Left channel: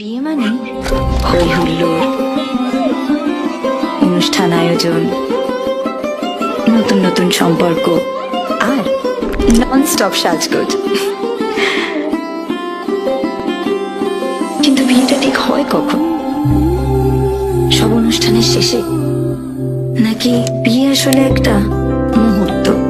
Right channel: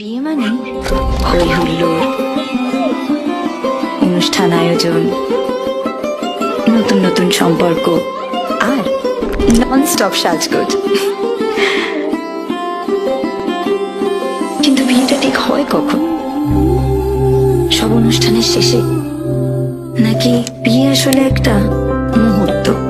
বিয়ে মানে? হই হুল্লোড় অনুষ্ঠান আয়োজন। নতুন নতুন সম্পর্ক আর নন স্টপ সাজগোজ। কিন্তু বিয়েটা ঠিক হয় কখন? সব অনুষ্ঠানের শেষে? নাকি বিয়ে আসলে একটা মুহূর্ত?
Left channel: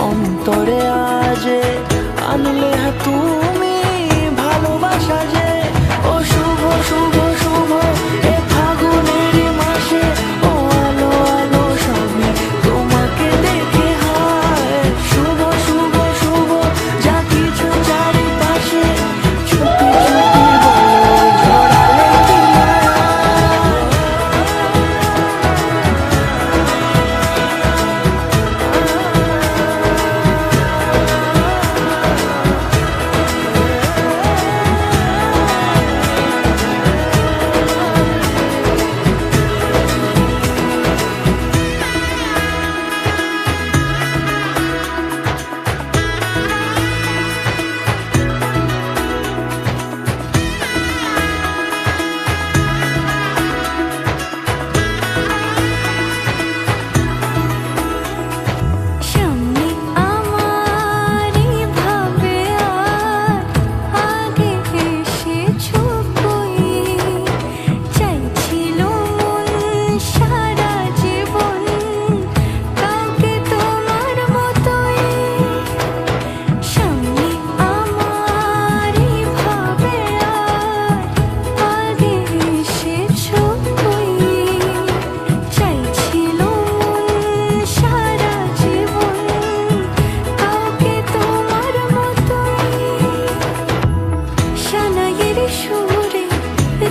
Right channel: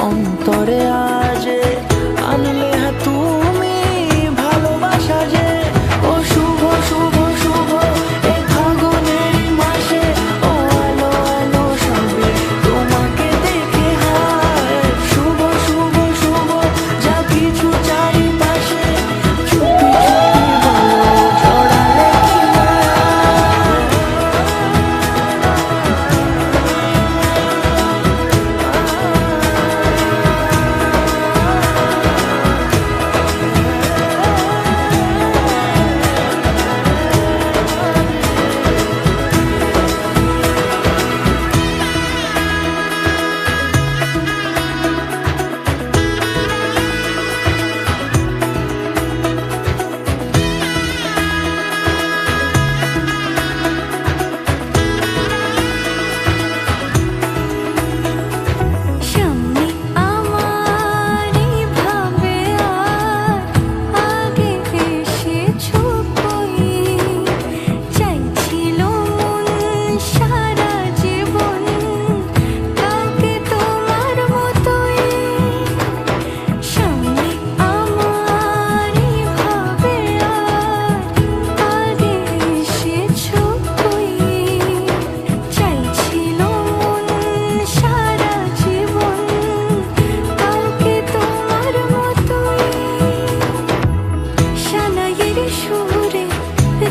অন্তরে আজে, আনলে হ্যাঁ তুমি ভালোবাসা যে। ও শুভ শুভ শুভ, এ ফাগুনের মাসে। ও আলো আলো সবে তোমাকে দেখে হায়। শুভ শুভ শুভ, যা কিছু চারিপাশে।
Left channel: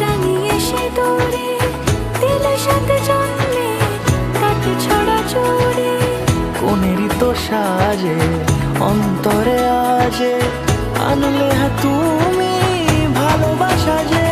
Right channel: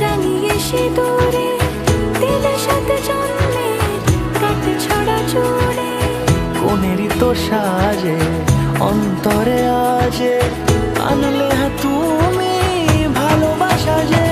রাঙিয়ে সে দূরে দিলে সাথে জন্মে, কাটে ছড়া জোরে। কোনেরই তো সাজে অন্তরে আজে, আনলে হ্যাঁ তুমি ভালোবাসা যে।